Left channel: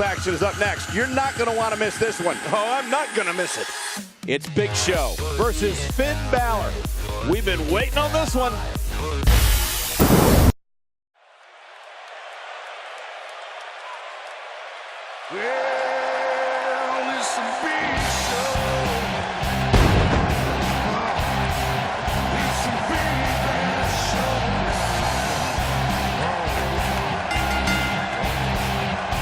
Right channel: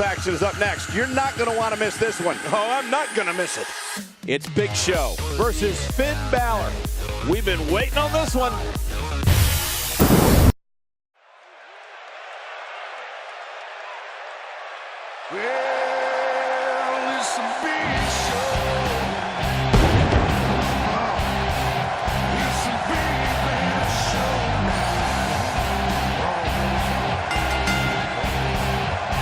Action is up next. You're not going to want to miss this one. Oh, I'm not going to miss it. It's Big Show versus Finn Bálor. We've been waiting on this one. Well, it's a big show. It's a big bad show now.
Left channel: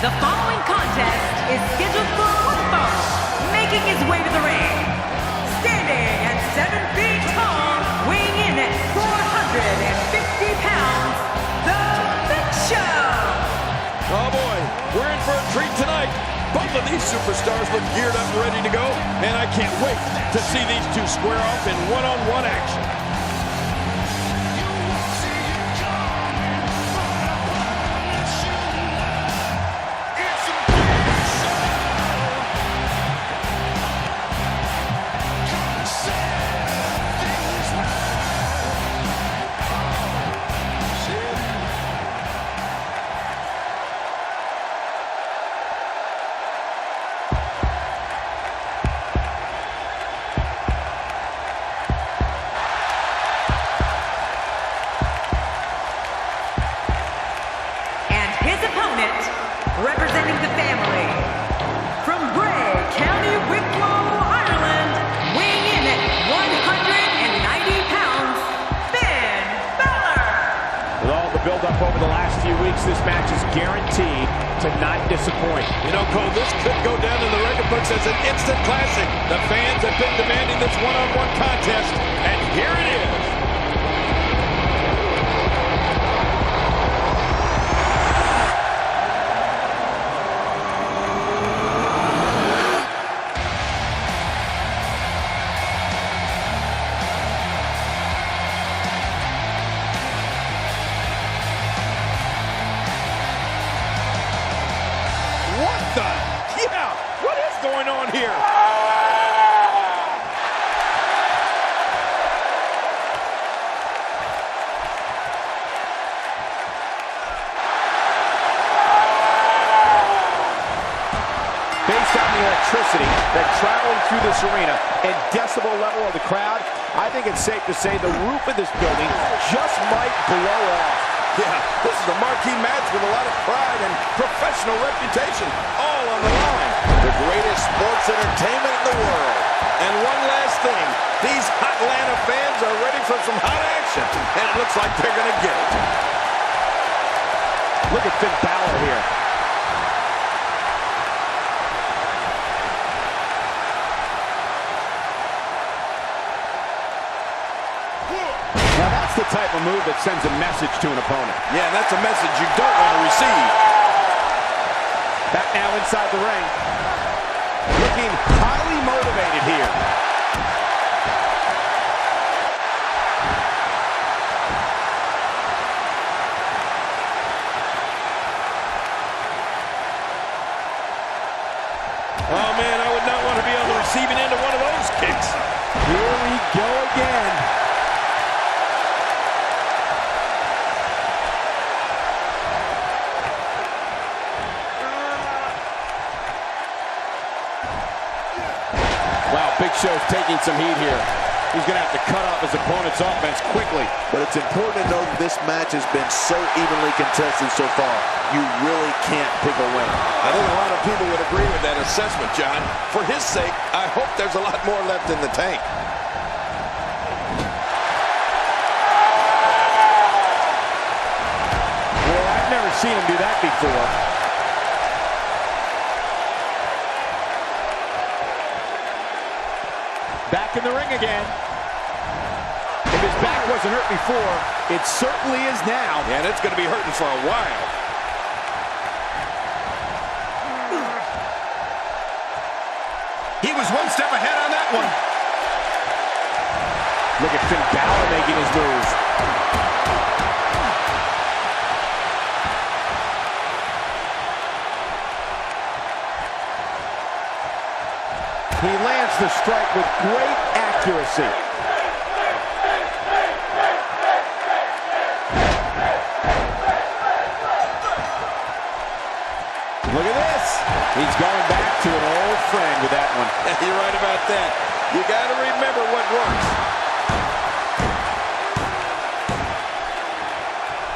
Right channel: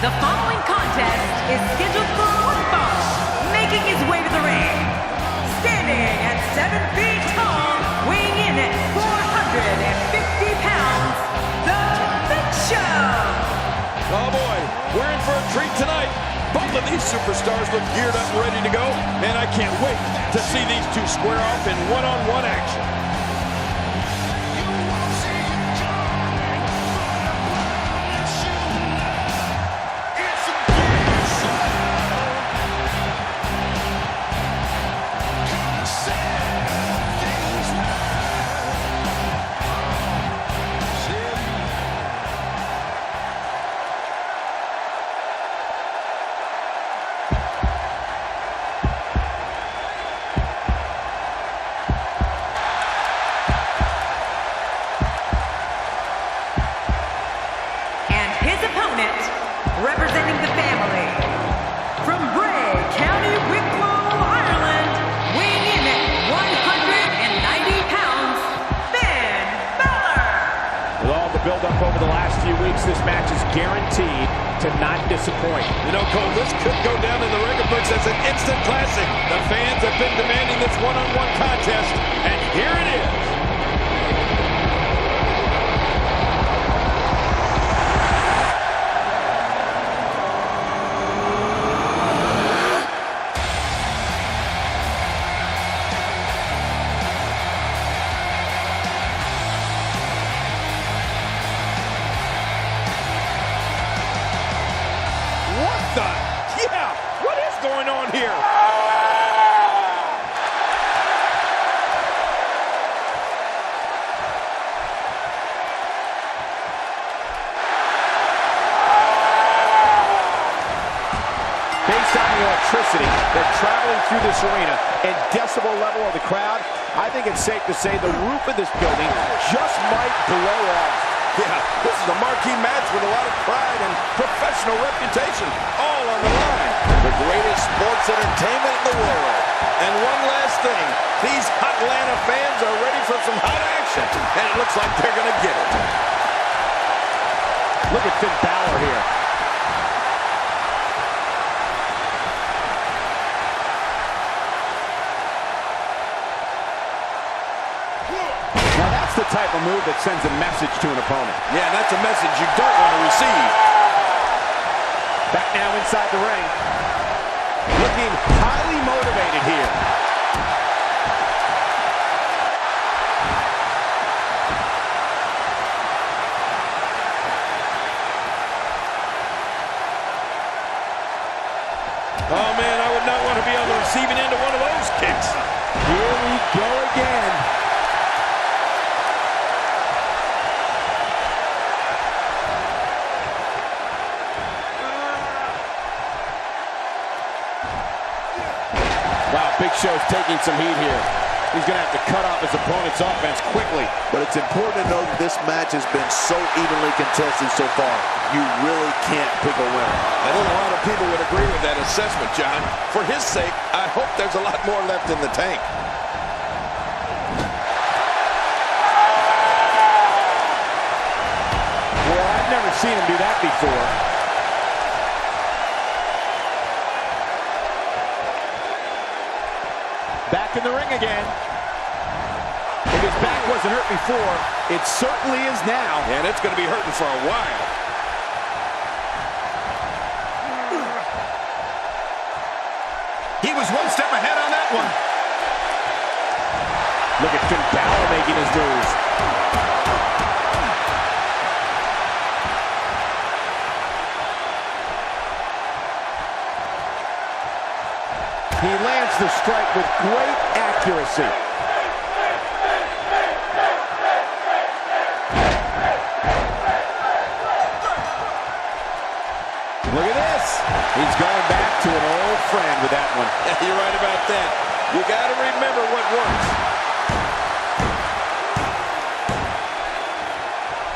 The following contest is scheduled for one fall, making his way to the ring. Standing at 7 feet tall, weighing in at 450 pounds, The Big Show. Oh boy, we're in for a treat tonight. Both of these superstars look geared up and ready to go, and I can't wait to see these two square off in one-on-one action. You won't see it coming, but I promise you now, it's a big show. Come set things right. Set And his opponent, representing the family, from Bray County, Wicklow, Ireland, weighing in at 190 pounds, Finn Bálor. With all the buildup over the last few weeks, this match is guaranteed to not disappoint. You know, Cole, this could go down in the record books as an instant classic. The fans have been demanding this one-on-one contest, and here it is. What the? Yeah, what is going on here? Based on the electricity that's traveling through this arena and decibel level of the crowd, I think it's safe to say the roof of this building just might blow off. Yeah, this is a marquee match with a lot of pride and professional reputation, all on the line. The greatest sports entertainment in the world. And one last thing, these hot Atlanta fans are ready for some hot action, and it looks like they're going to get it. Look at Finn Bálor here. Now that's the type of move that sends a message to an opponent. Yeah, that's a message you don't want to receive. Back now inside the ring. Looking highly motivated here. Oh man, I would not want to be on the receiving end of one of those kicks. Here we go again. Wow, Big Show's taking some heat here. He's going to have to cut off his opponent's offense quickly. But it's important to know that this match has been so evenly contested so far. You really can't pick a winner. I think a lot of people would agree with that assessment, John. For his sake, I hope there's a lot more left in the tank. Well, I've never seen him do that before. Back in the ring again. If his back wasn't hurt before, it certainly is now. And it's going to be hurting for a while. He was one step ahead on that one. Look at Finn Bálor making his moves. He lands the strike with great accuracy. Look at this. this. He's going back to an old friend with that one. You're right about that. You got to remember what works.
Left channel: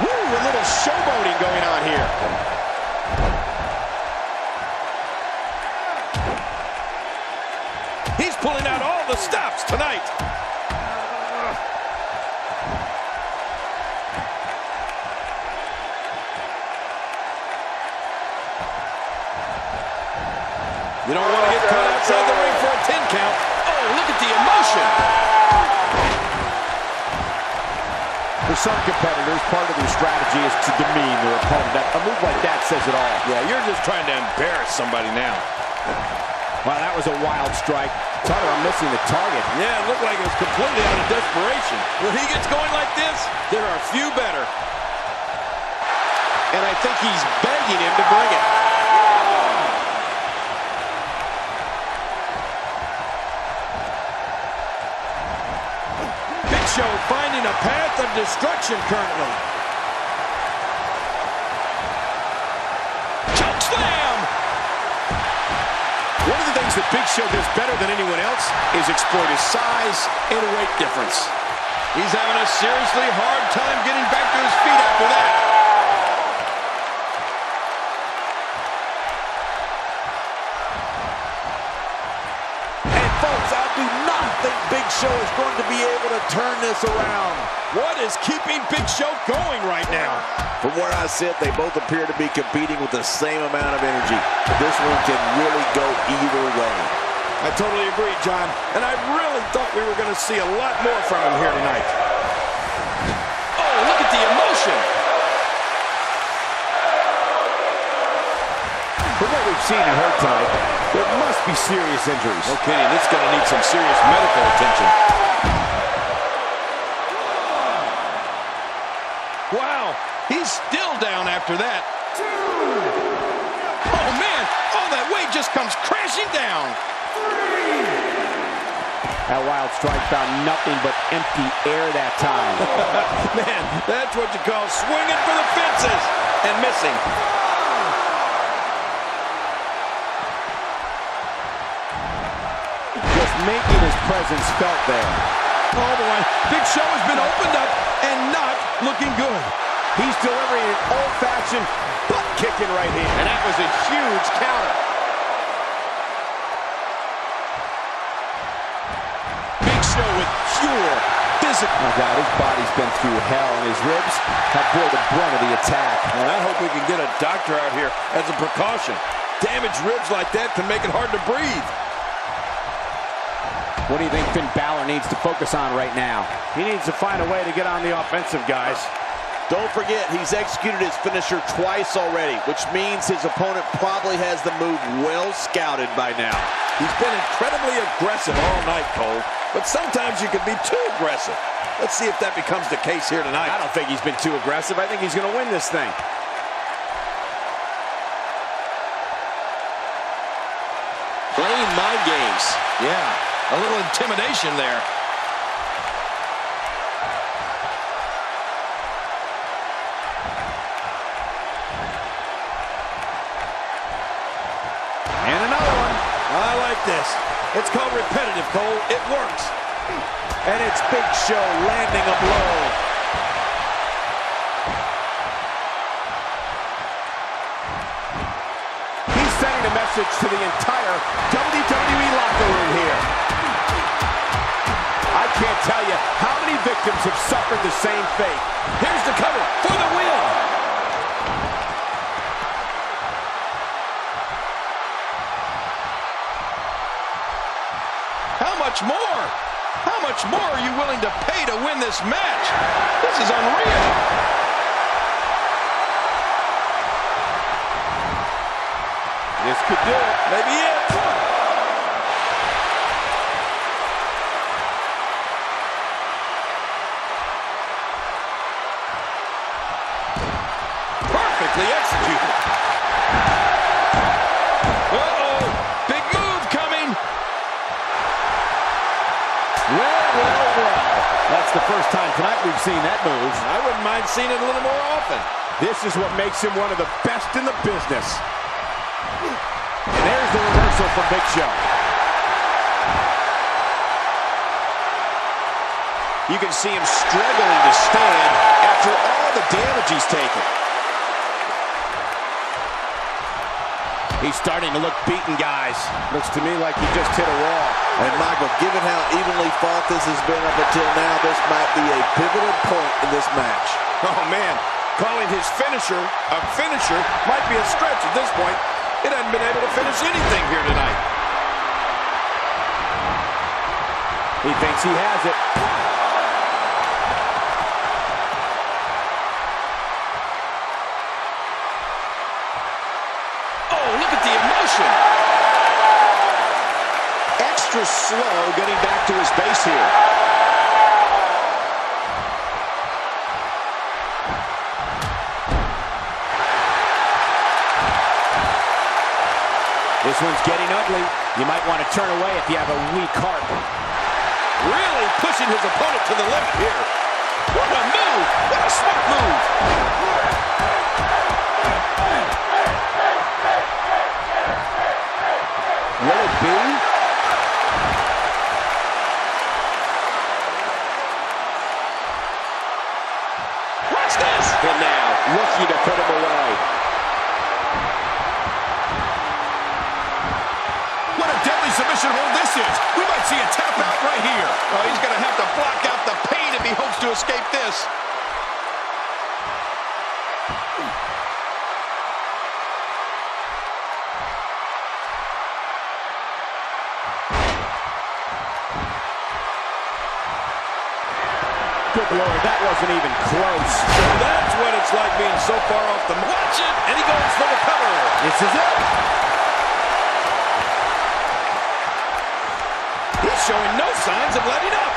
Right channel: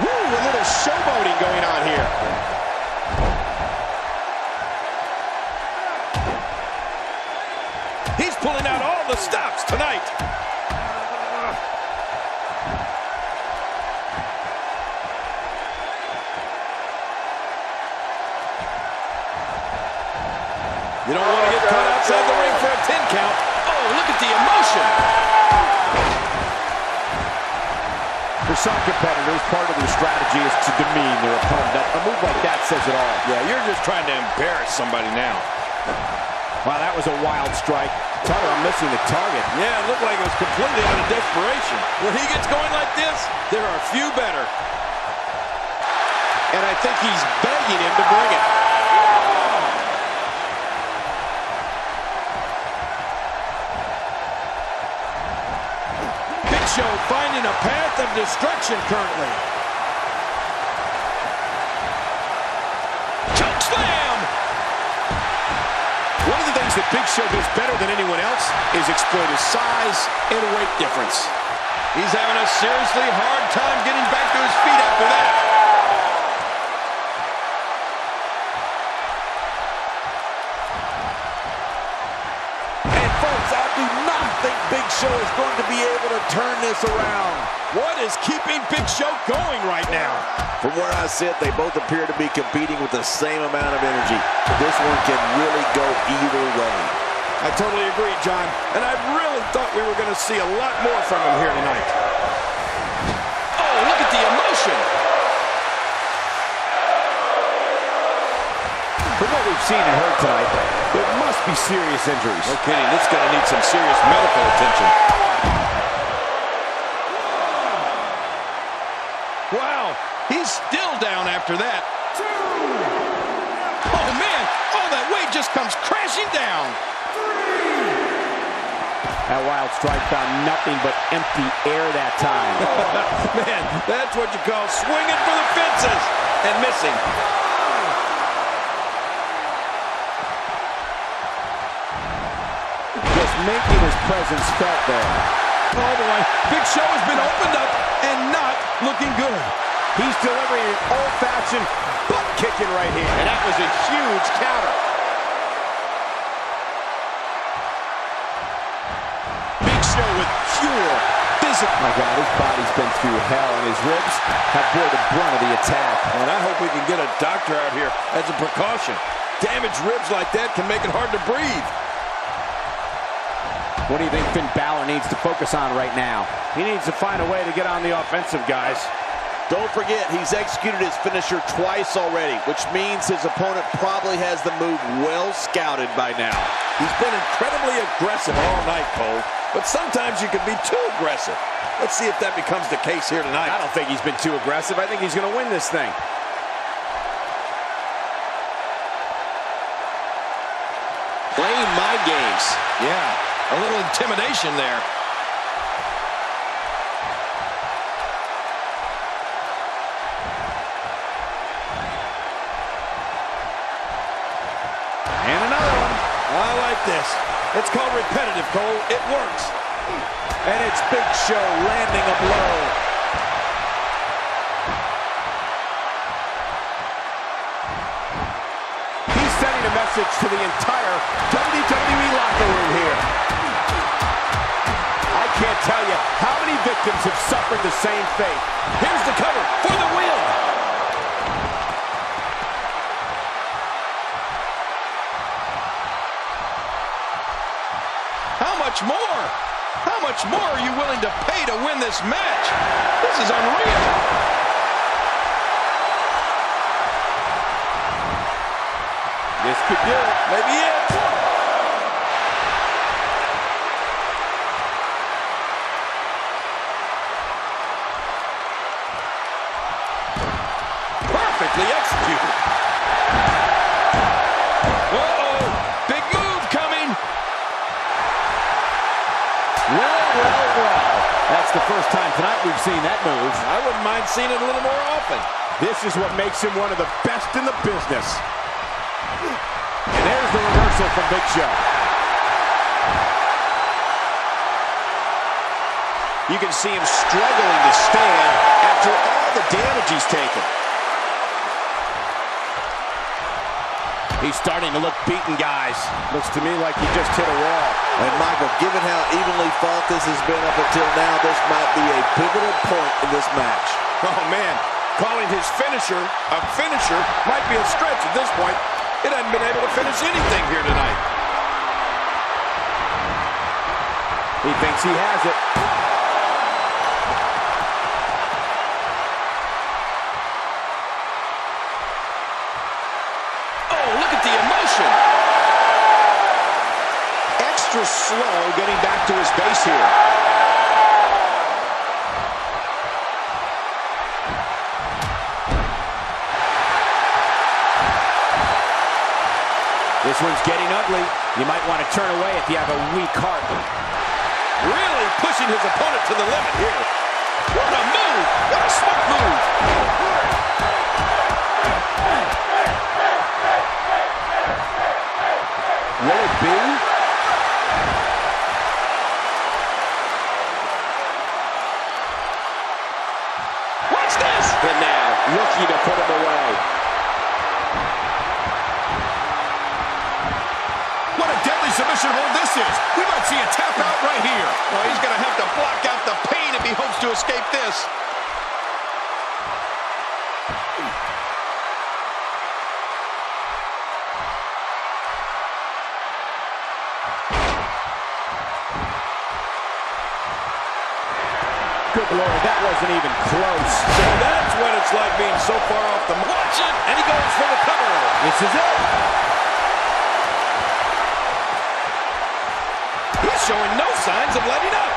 Woo, a little showboating going on here. He's pulling out all the stops tonight. You don't want to get caught outside the ring for a 10 count. Oh, look at the emotion. For some competitors, part of their strategy is to demean their opponent. A move like that says it all. Yeah, you're just trying to embarrass somebody now. Wow, that was a wild strike. Talk about missing the target. Yeah, it looked like it was completely out of desperation. When he gets going like this, there are few better. And I think he's begging him to bring it. Big Show finding a path of destruction currently. Choke slam! One of the things that Big Show does better than anyone else is exploit his size and weight difference. He's having a seriously hard time getting back to his feet after that. And folks, I do not think Big Show is going to be able to turn this around. What is keeping Big Show going right now? From where I sit, they both appear to be competing with the same amount of energy. This one can really go either way. I totally agree, John. And I really thought we were going to see a lot more from him here tonight. Oh, look at the emotion. From what we've seen and heard tonight, there must be serious injuries. No kidding, this is going to need some serious medical attention. Wow, he's still down after that. Oh, man, all that weight just comes crashing down. That wild strike found nothing but empty air that time. Man, that's what you call swinging for the fences and missing. Just making his presence felt there. Oh, boy, Big Show has been opened up and not looking good. He's delivering an old-fashioned butt-kicking right here. And that was a huge counter. Big Show with pure physical. My God, his body's been through hell, and his ribs have bore the brunt of the attack. And I hope we can get a doctor out here as a precaution. Damaged ribs like that can make it hard to breathe. What do you think Finn Bálor needs to focus on right now? He needs to find a way to get on the offensive, guys. Don't forget, he's executed his finisher twice already, which means his opponent probably has the move well scouted by now. He's been incredibly aggressive all night, Cole, but sometimes you can be too aggressive. Let's see if that becomes the case here tonight. I don't think he's been too aggressive. I think he's going to win this thing. Playing mind games. Yeah, a little intimidation there. And another one. I like this. It's called repetitive, Cole. It works. And it's Big Show landing a blow. He's sending a message to the entire WWE locker room here. I can't tell you how many victims have suffered the same fate. Here's the cover for the win. How much more? How much more are you willing to pay to win this match? This is unreal. This could do it. Maybe it. Perfectly executed. Uh-oh. Big move coming. Well. That's the first time tonight we've seen that move. I wouldn't mind seeing it a little more often. This is what makes him one of the best in the business. reversal from Big Show. You can see him struggling to stand after all the damage he's taken. He's starting to look beaten, guys. Looks to me like he just hit a wall. And Michael, given how evenly fought this has been up until now, this might be a pivotal point in this match. Oh, man. Calling his finisher a finisher might be a stretch at this point. It hasn't been able to finish anything here tonight. He thinks he has it. Look at the emotion. Extra slow getting back to his base here. This one's getting ugly. You might want to turn away if you have a weak heart. Really pushing his opponent to the limit here. What a move. What a smart move. Will it be? Watch this! And now, looking to put him away. What a deadly submission hold this is. We might see a tap out right here. Oh, he's going to have to block out the pain if he hopes to escape this. Good Lord, that wasn't even close. So that's what it's like being so far off the... Watch it! And he goes for the cover. This is it. He's showing no signs of letting up.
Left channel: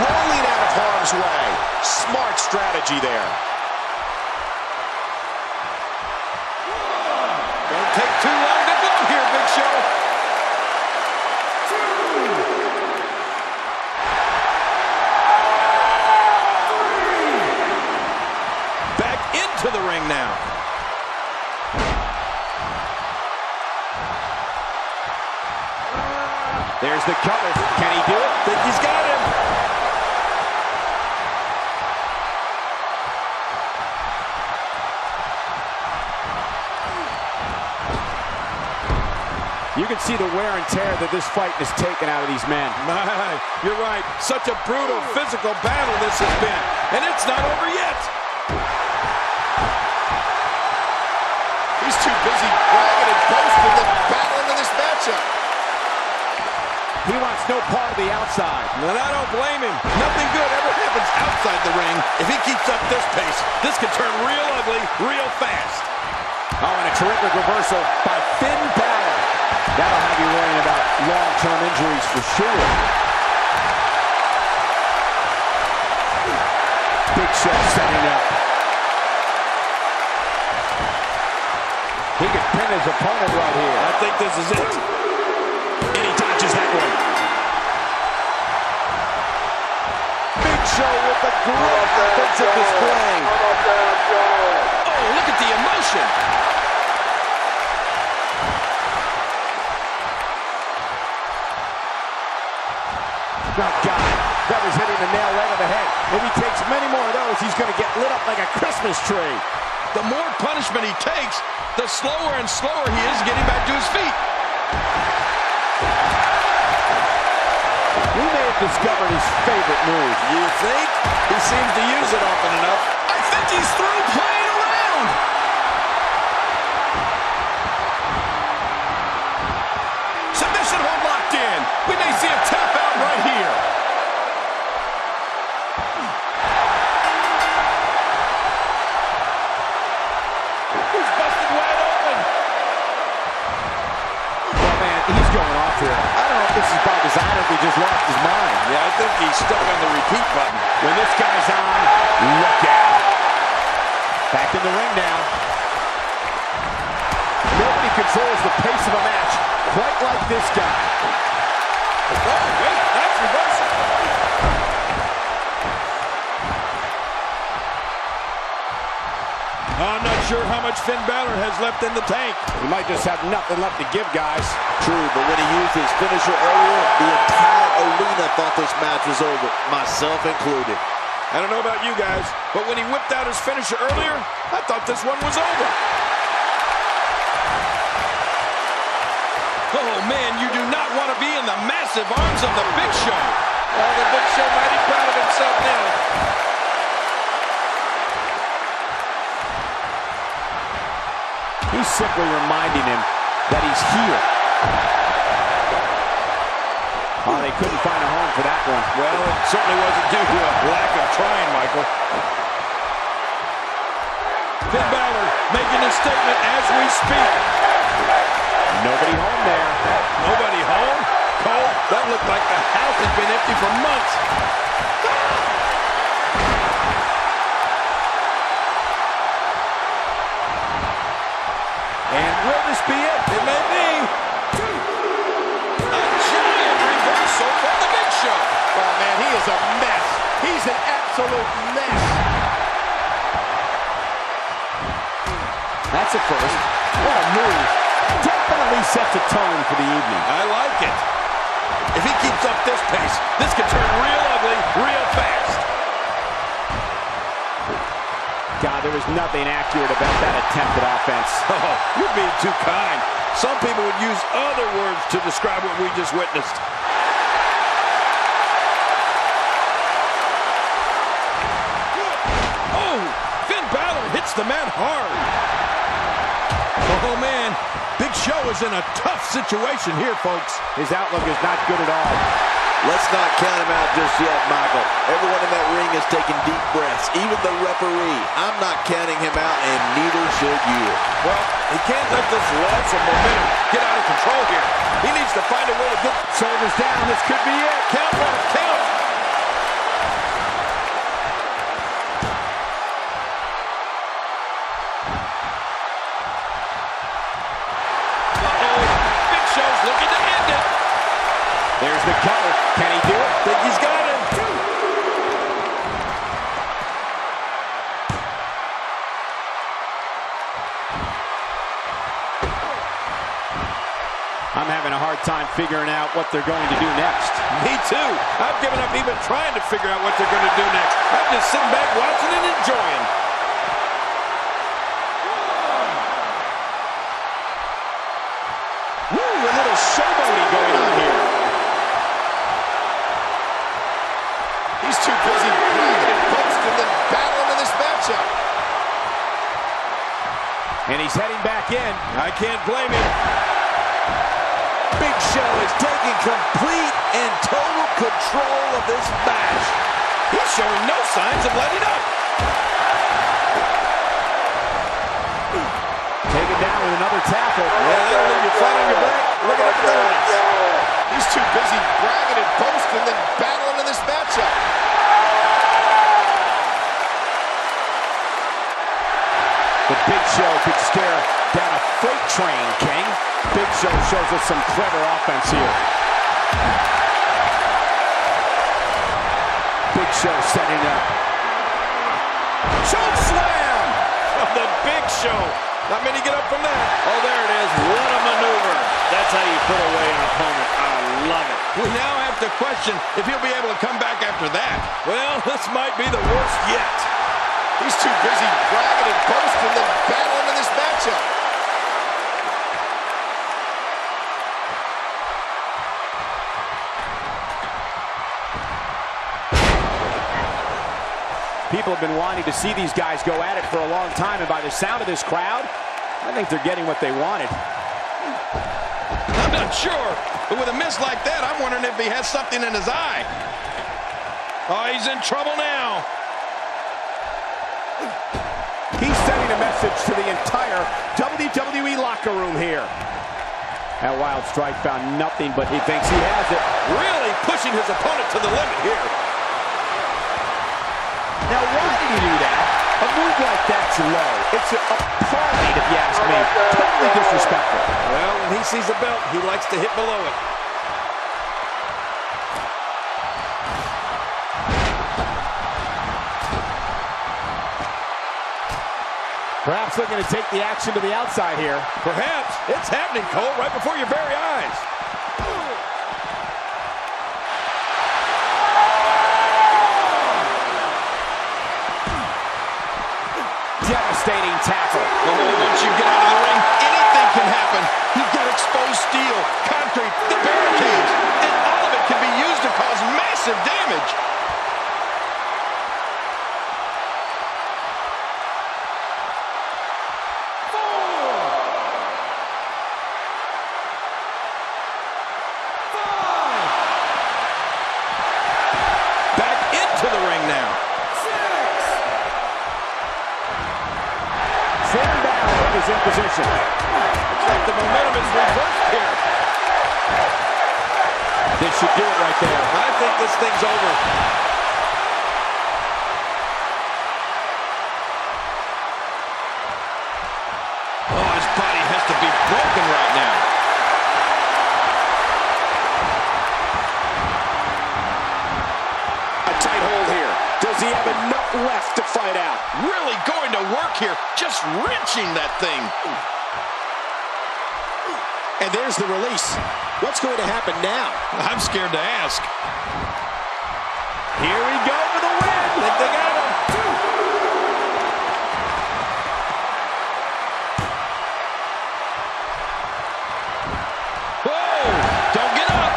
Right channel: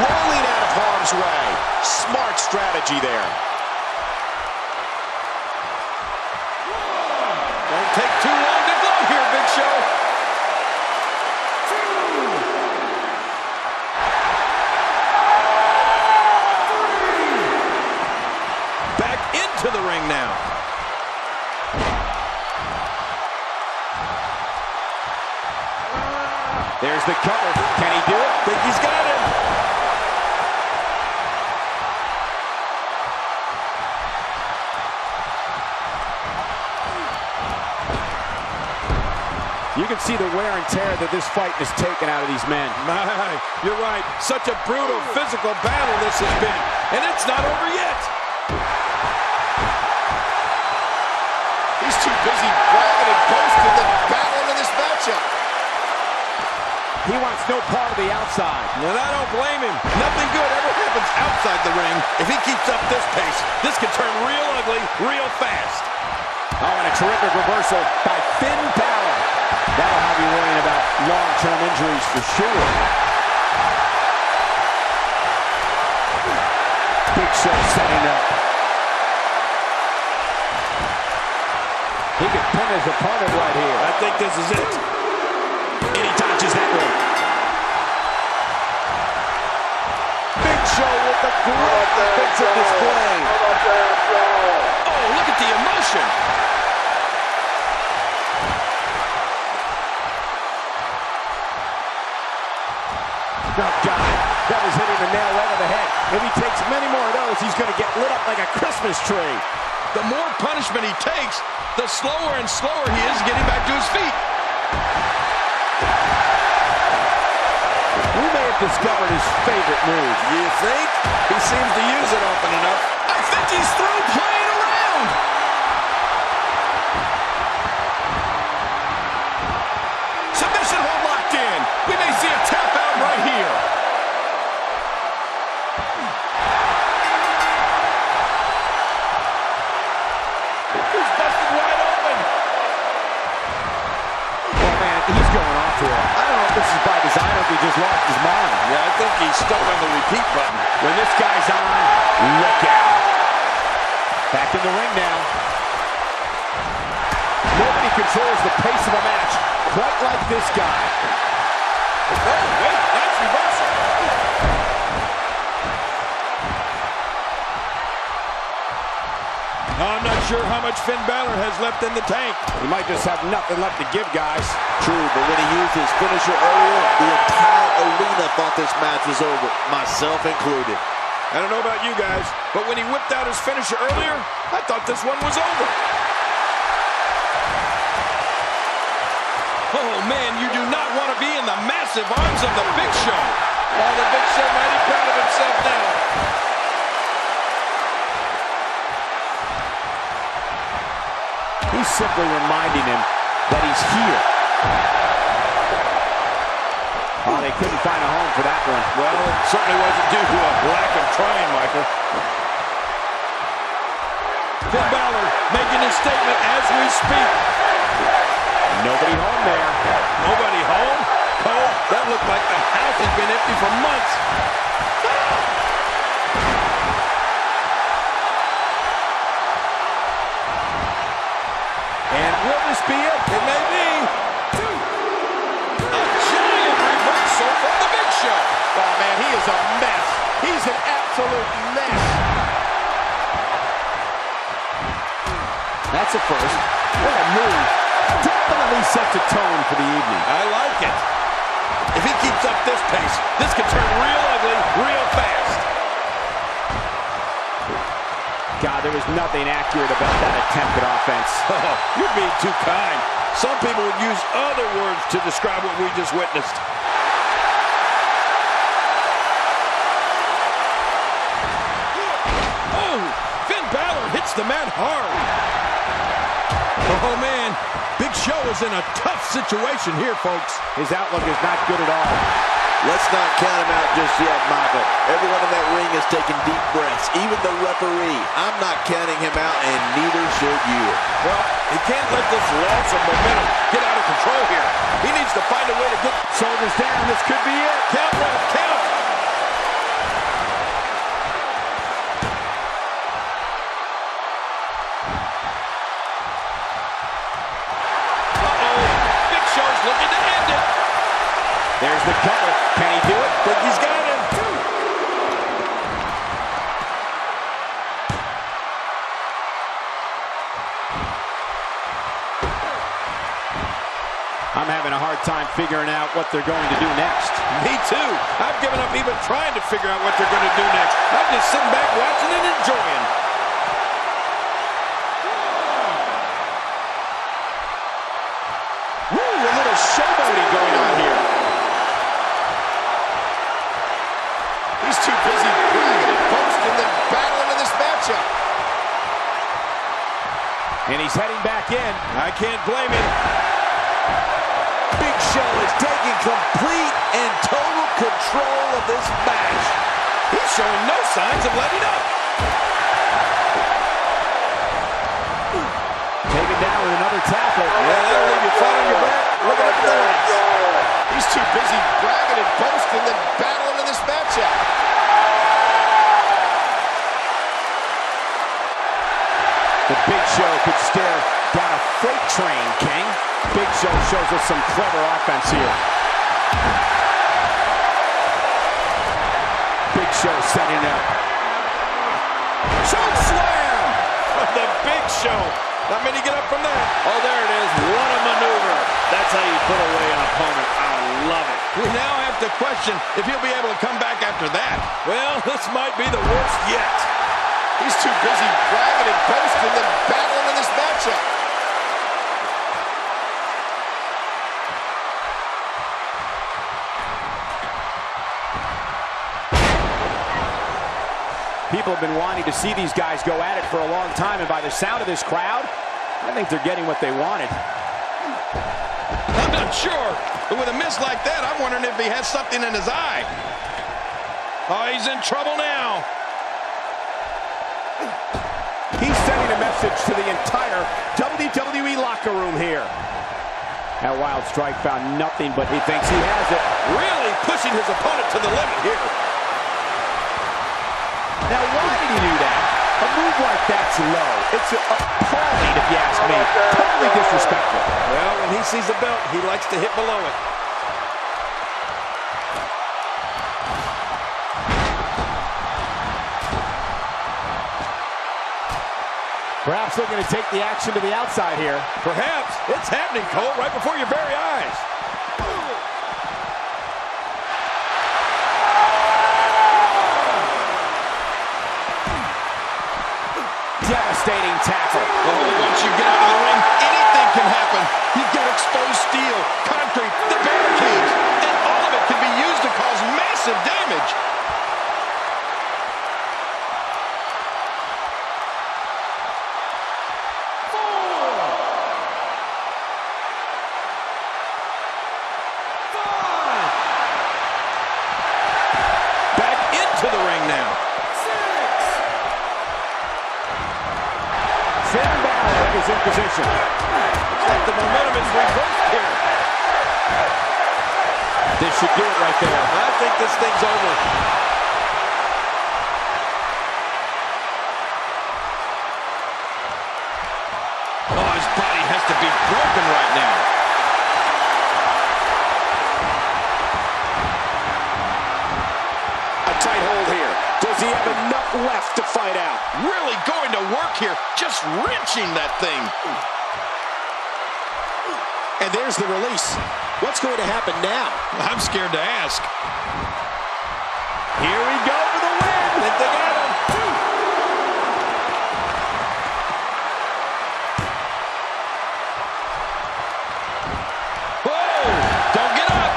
Rolling out of harm's way. Smart strategy there. Don't take too long to glow here, Big Show. Back into the ring now. There's the cover. Can he do it? Think he's got him. You can see the wear and tear that this fight has taken out of these men. My, you're right. Such a brutal physical battle this has been. And it's not over yet. He's too busy bragging and boasting than battling in this matchup. He wants no part of the outside. And I don't blame him. Nothing good ever happens outside the ring. If he keeps up this pace, this could turn real ugly real fast. Oh, and a terrific reversal by Finn Bálor. That'll have you worrying about long-term injuries for sure. Big Show setting up. He could pin his opponent right here. I think this is it. And he dodges that one. Big Show with a great offensive display. Oh, look at the emotion. Oh, God, that was hitting the nail right on the head. If he takes many more of those, he's going to get lit up like a Christmas tree. The more punishment he takes, the slower and slower he is getting back to his feet. We may have discovered his favorite move. You think? He seems to use it often enough. I think he's through playing around. Submission hold locked in. We may see a tap out right here. He's busted wide open. Oh, man, he's going off here. I don't know if this is by design or if he just lost his mind. Yeah, I think he's stuck on the repeat button. When this guy's on, look out. Back in the ring now. Nobody controls the pace of a match quite like this guy. Oh, wait, nice reversal. I'm not sure how much Finn Bálor has left in the tank. He might just have nothing left to give, guys. True, but when he used his finisher earlier, the entire arena thought this match was over, myself included. I don't know about you guys, but when he whipped out his finisher earlier, I thought this one was over. Oh, man, you do not want to be in the massive arms of the Big Show. Oh, the Big Show mighty proud of himself now. He's simply reminding him that he's here. Oh, they couldn't find a home for that one. Well, it certainly wasn't due to a lack of trying, Michael. Finn Bálor making his statement as we speak. Nobody home there. Nobody home? Cole, that looked like the house has been empty for months. And will this be it? It may be. A giant reversal from the Big Show. Oh, man, he is a mess. He's an absolute mess. That's a first. What a move. Definitely sets a tone for the evening. I like it. If he keeps up this pace, this could turn real ugly real fast. God, there was nothing accurate about that attempted offense. Oh, you're being too kind. Some people would use other words to describe what we just witnessed. Oh, Finn Bálor hits the man hard. Oh, man. Big Show is in a tough situation here, folks. His outlook is not good at all. Let's not count him out just yet, Michael. Everyone in that ring is taking deep breaths, even the referee. I'm not counting him out, and neither should you. Well, he can't let this loss of momentum get out of control here. He needs to find a way to get Shoulders down. This could be it. count, Ref, count. Uh-oh, Big Show's looking to end it. There's the cover. Can he do it? Think he's got him. I'm having a hard time figuring out what they're going to do next. Me too. I've given up even trying to figure out what they're going to do next. I'm just sitting back watching and enjoying. Woo, a little showboating going on here. He's too busy bragging and boasting than battling in this matchup. And he's heading back in. I can't blame him. Big Show is taking complete and total control of this match. He's showing no signs of letting up. Taken down with another tackle. Yeah, that'll leave you flat on your back. Looking up at the lights. He's too busy bragging and boasting than battling in this matchup. The Big Show could stare down a freight train, King. Big Show shows us some clever offense here. Big Show setting it up. Choke slam! From the Big Show. Not many get up from that. Oh, there it is. What a maneuver. That's how you put away an opponent. I love it. We now have to question if he'll be able to come back after that. Well, this might be the worst yet. He's too busy bragging and boasting than battling in this matchup. People have been wanting to see these guys go at it for a long time, and by the sound of this crowd, I think they're getting what they wanted. I'm not sure, but with a miss like that, I'm wondering if he has something in his eye. Oh, he's in trouble now. He's sending a message to the entire WWE locker room here. That wild strike found nothing, but he thinks he has it. Really pushing his opponent to the limit here. Now, why did he do that? A move like that's low. It's appalling, if you ask me. Totally disrespectful. Well, when he sees the belt, he likes to hit below it. Perhaps looking to take the action to the outside here. Perhaps. It's happening, Cole, right before your very eyes. Devastating tackle. Oh, once you get out of the ring, anything can happen. You've got exposed steel, concrete, the barricades, and all of it can be used to cause massive damage. Back into the ring now. Finn Bálor is in position. Looks like the momentum is reversed here. This should do it right there. I think this thing's over. Oh, his body has to be broken right now. A tight hold here. Does he have enough left to fight out? Really going to work here, just wrenching that thing. And there's the release. What's going to happen now? I'm scared to ask. Here we go for the win. Think they got him. Whoa! Don't get up.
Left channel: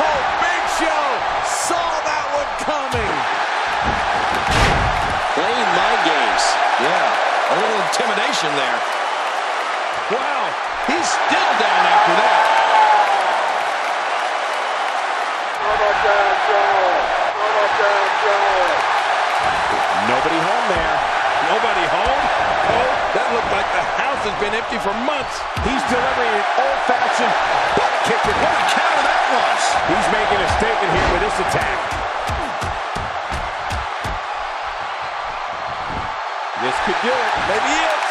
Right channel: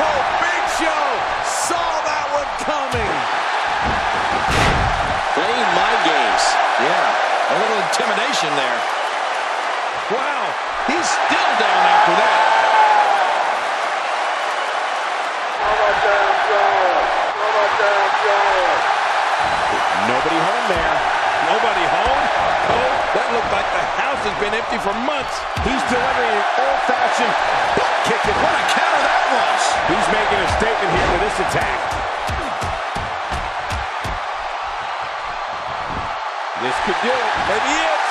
Oh, Big Show saw that one coming. Playing mind games. Yeah, a little intimidation there. Wow, he's still down after that. Nobody home there. Nobody home? Cole, that looked like the house has been empty for months. He's delivering an old-fashioned butt kicking. What a counter that was. He's making a statement here with this attack. This could do it. Maybe it.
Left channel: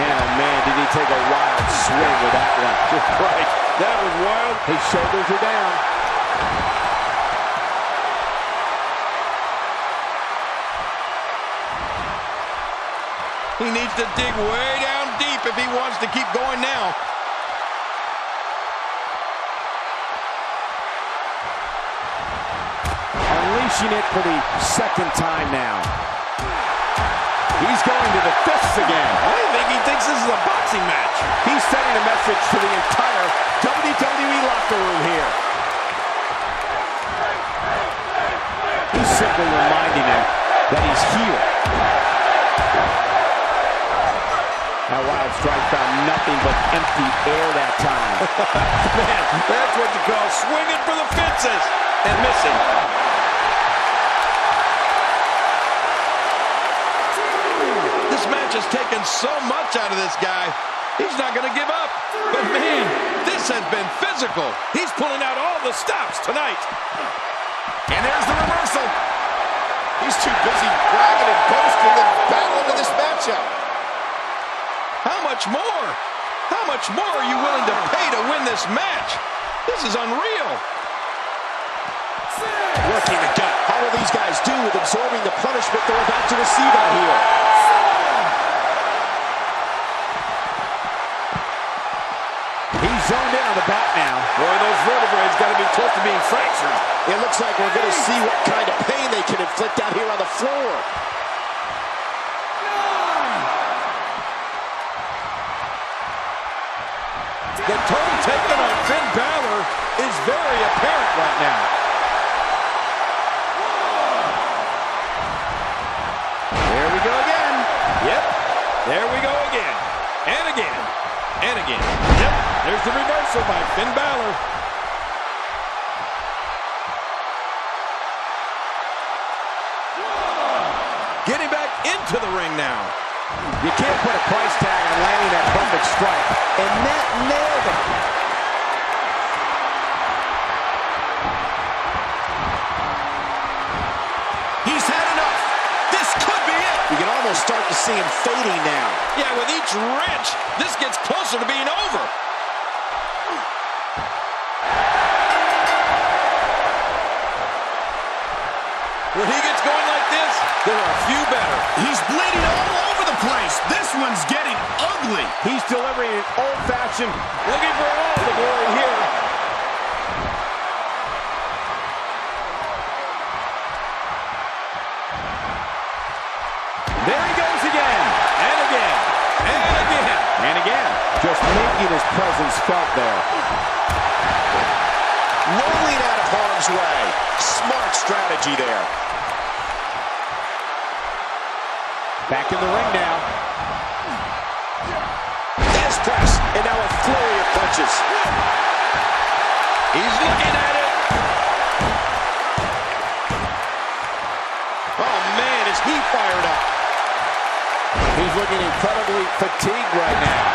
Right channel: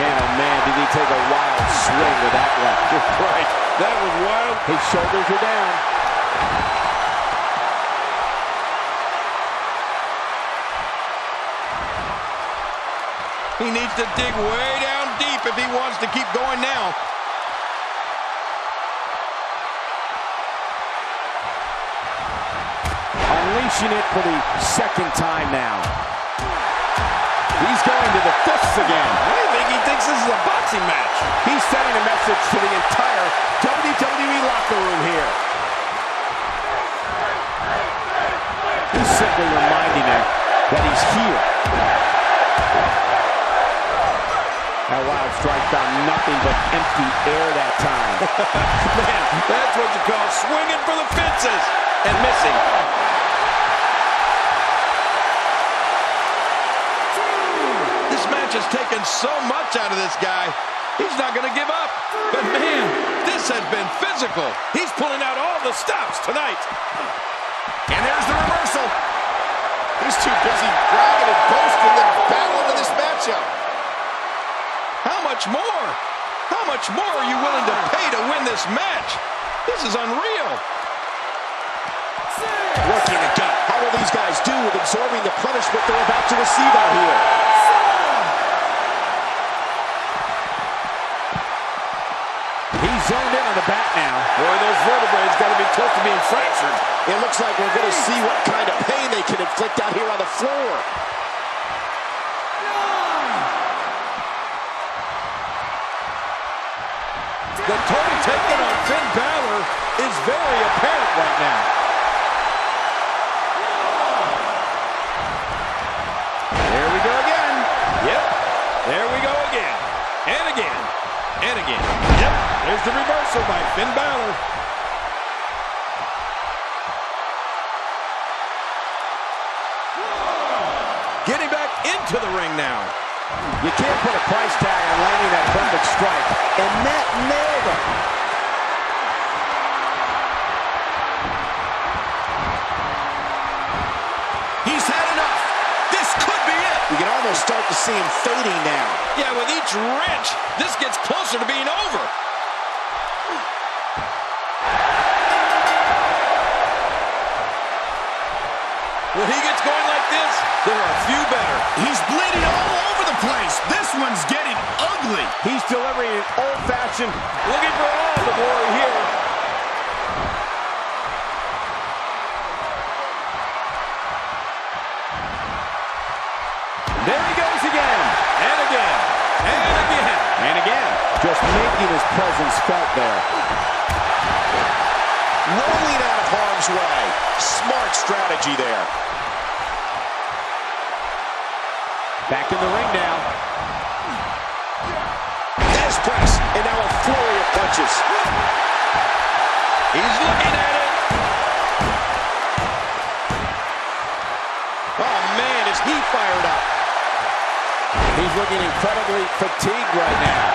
Man, oh man, did he take a wild swing with that one. Right, that was wild. His shoulders are down. He needs to dig way down deep if he wants to keep going now. Unleashing it for the second time now. He's going to the fists again. I think he thinks this is a boxing match. He's sending a message to the entire WWE locker room here. He's simply reminding them that he's here. That wild strike found nothing but empty air that time. Man, that's what you call swinging for the fences and missing. This match has taken so much out of this guy. He's not going to give up. But man, this has been physical. He's pulling out all the stops tonight. And there's the reversal. He's too busy bragging and boasting than battling to this matchup. How much more? How much more are you willing to pay to win this match? This is unreal. Working the gut. How will these guys do with absorbing the punishment they're about to receive out here? He's zoned in on the bat now. Boy, those vertebrae got to be close to being fractured. It looks like we're going to see what kind of pain they can inflict out here on the floor. The total taken on Finn Bálor is very apparent right now. There we go again. Yep, there we go again. And again. And again. Yep, there's the reversal by Finn Bálor. Getting back into the ring now. You can't put a price tag on landing that perfect strike, and that nailed him. He's had enough. This could be it. You can almost almost start to see him fading now. Yeah, with each wrench, this gets closer to being over. When he gets going like this, there are a few better. He's bleeding all over the place. This one's getting ugly. He's delivering an old-fashioned, Looking for all the glory here. there he goes again. And again. And again. And again, just making his presence felt there. Rolling out of harm's way. Smart strategy there. Back in the ring now. Des press, and now a flurry of punches. He's looking at it. Oh, man, is he fired up. He's looking incredibly fatigued right now.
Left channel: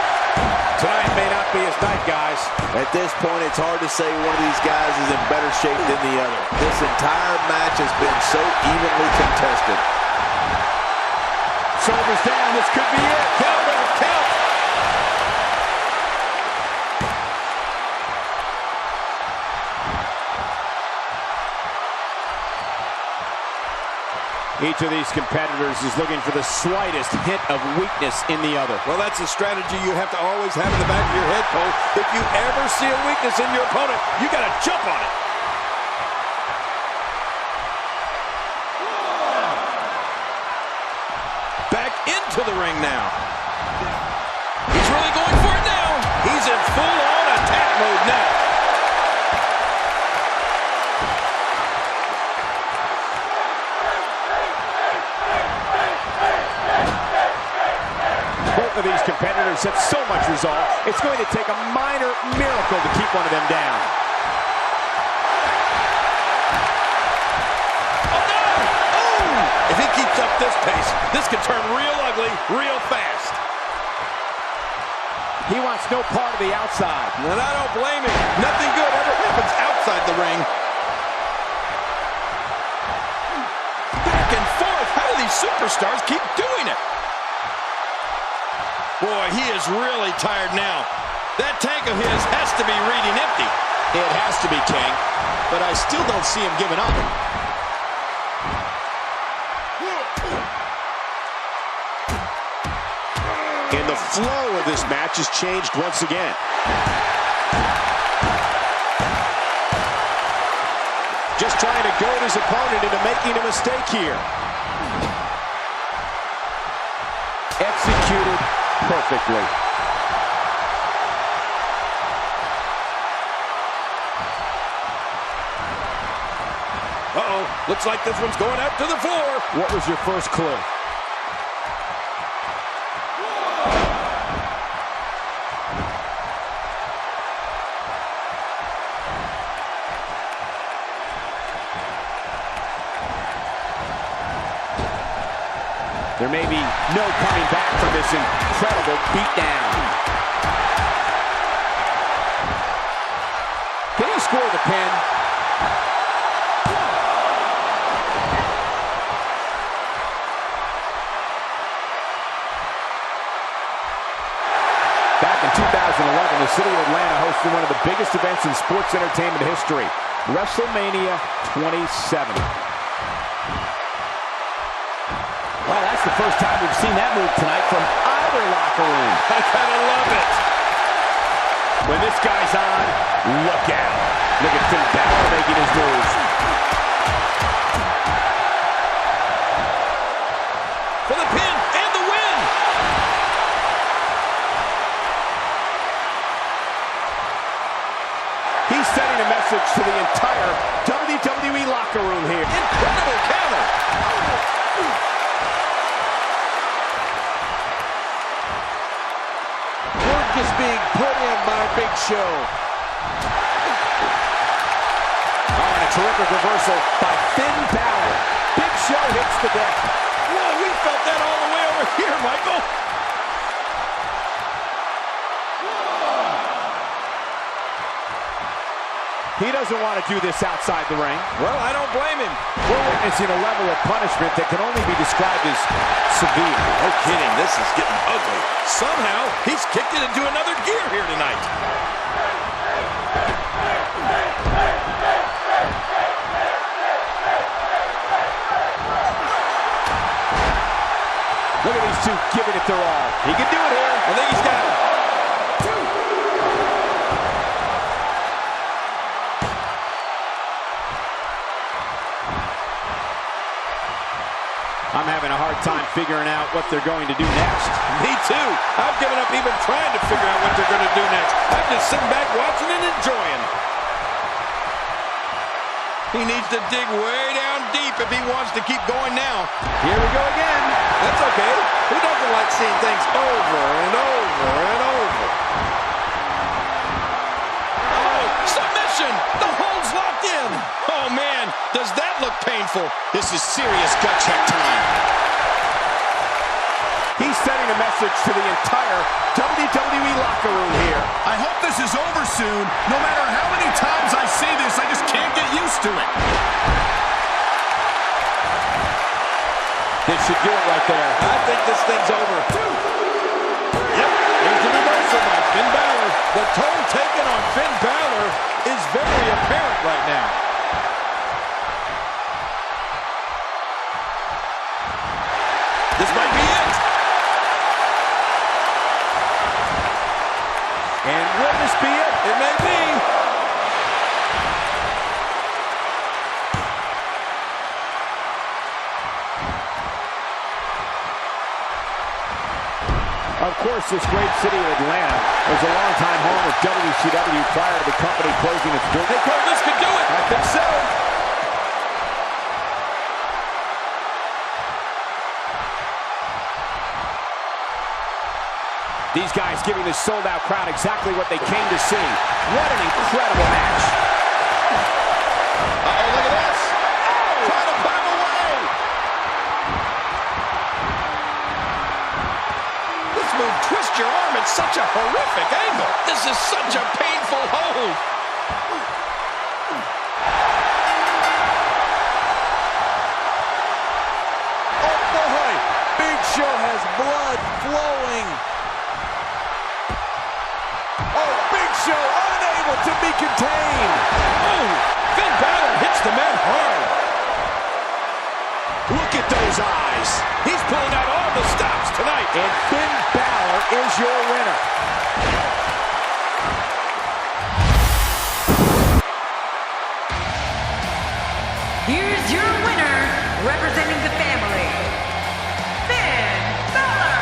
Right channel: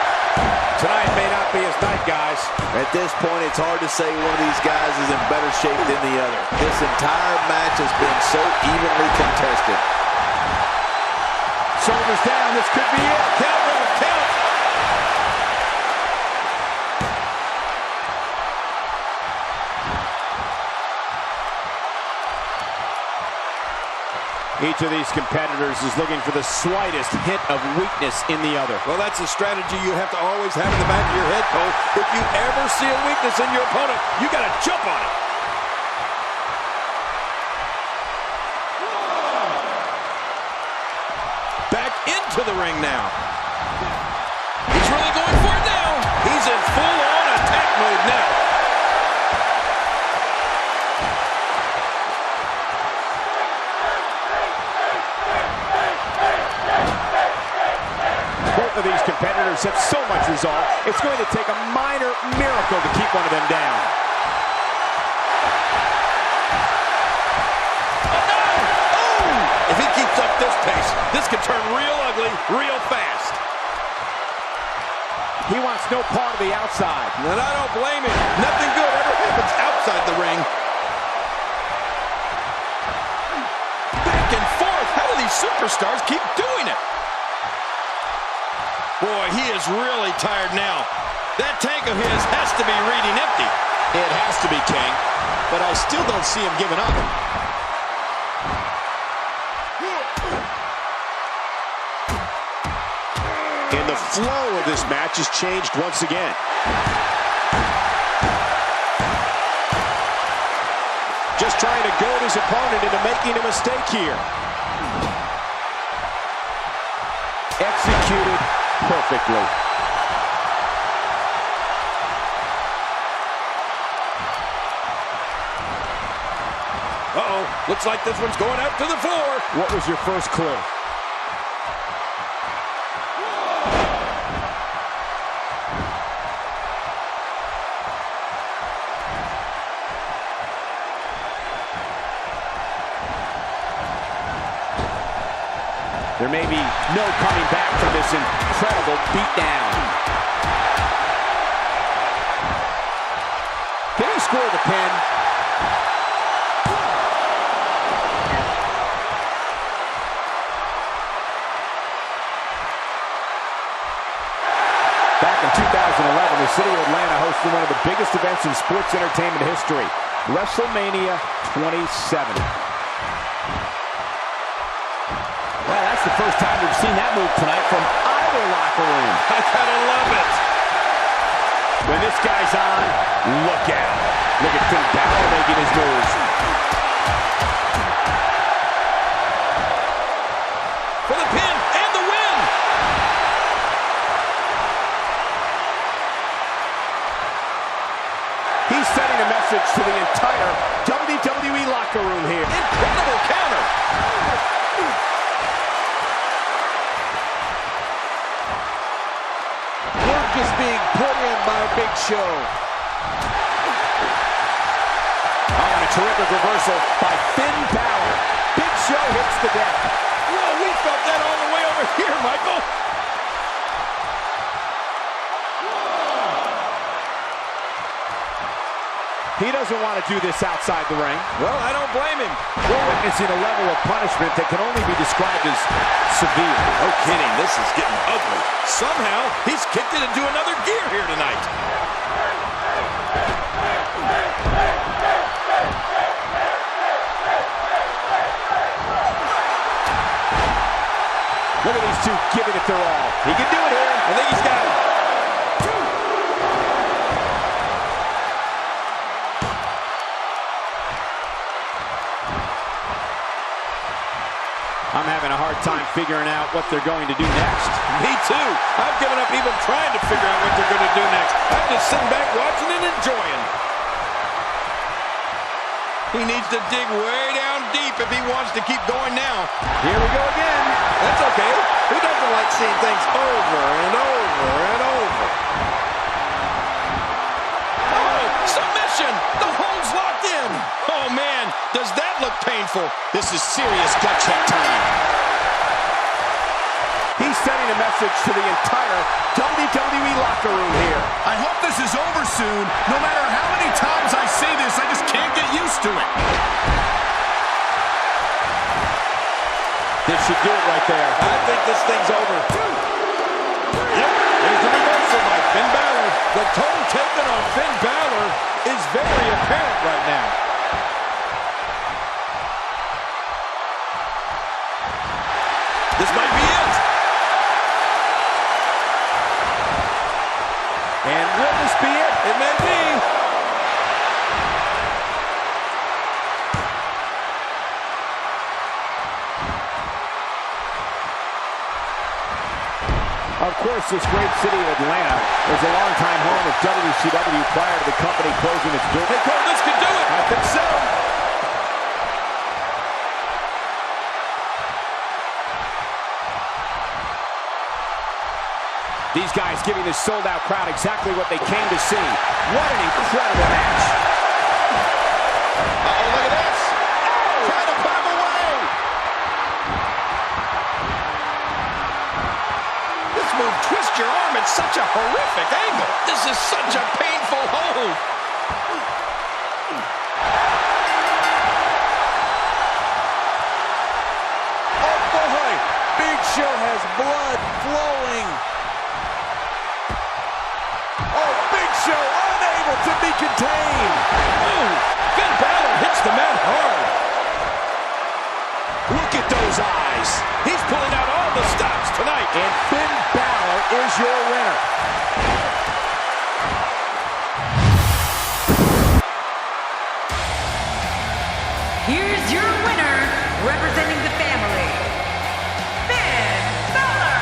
Tonight may not be his night, guys. At this point, it's hard to say one of these guys is in better shape than the other. This entire match has been so evenly contested. Shoulders down, this could be it. Count, Ralph, count. Each of these competitors is looking for the slightest hint of weakness in the other. Well, that's a strategy you have to always have in the back of your head, Cole. If you ever see a weakness in your opponent, you got to jump on it. Back into the ring now. He's really going for it now. He's in full-on attack mode now. Both of these competitors have so much resolve, it's going to take a minor miracle to keep one of them down. Oh, no! Oh! If he keeps up this pace, this could turn real ugly real fast. He wants no part of the outside. And I don't blame him. Nothing good ever happens outside the ring. Back and forth. How do these superstars keep doing it? Boy, he is really tired now. That tank of his has to be reading empty. It has to be, King, but I still don't see him giving up. And the flow of this match has changed once again. Just trying to goad his opponent into making a mistake here. Executed perfectly. Uh-oh, looks like this one's going out to the floor. What was your first clue? There may be no coming back from this incredible beatdown. Can he score the pin? Back in 2011, the city of Atlanta hosted one of the biggest events in sports entertainment history, WrestleMania 27. Well, that's the first time we've seen that move tonight from either locker room. I gotta love it. When this guy's on, look out. Look at Finn Bálor making his moves. For the pin and the win. He's sending a message to the entire WWE locker room here. Incredible counter. Work is being put in by Big Show. Oh, and a terrific reversal by Finn Bálor. Big Show hits the deck. Whoa, we felt that all the way over here, Michael. He doesn't want to do this outside the ring. Well, I don't blame him. We're witnessing a level of punishment that can only be described as severe. No kidding, this is getting ugly. Somehow, he's kicked it into another gear here tonight. Look at these two giving it their all. He can do it here. I think he's got it. I'm having a hard time figuring out what they're going to do next. Me too. I've given up even trying to figure out what they're going to do next. I'm just sitting back watching and enjoying. He needs to dig way down deep if he wants to keep going now. Here we go again. That's okay. Who doesn't like seeing things over and over and over? Oh, submission! The hold's locked in. Oh, man, does that look painful? This is serious gut check time. He's sending a message to the entire WWE locker room here. I hope this is over soon. No matter how many times I say this, I just can't get used to it. This should do it right there. I think this thing's over. Yep, there's the reversal by Finn Bálor. The toll taken on Finn Bálor is very apparent right now. This might be it. And will this be it? It may be. Of course, this great city of Atlanta was a longtime home of WCW prior to the company closing its doors. Hey, Cole, this could do it. I think so. These guys giving this sold-out crowd exactly what they came to see. What an incredible match. Uh-oh, look at this. Oh! Trying to put him away. This move twists your arm at such a horrific angle. This is such a painful hold. Oh, boy. Big Show has blood flowing. Oh, Big Show unable to be contained. Oh, Finn Bálor hits the man hard. Look at those eyes. He's pulling out all the stops tonight. And Finn Bálor is your winner. Here's your winner, representing the family, Finn Bálor.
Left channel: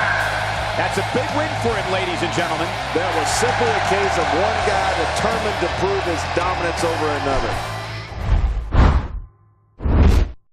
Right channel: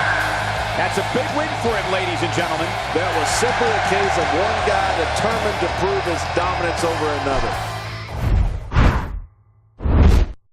That's a big win for him, ladies and gentlemen. That was simply a case of one guy determined to prove his dominance over another.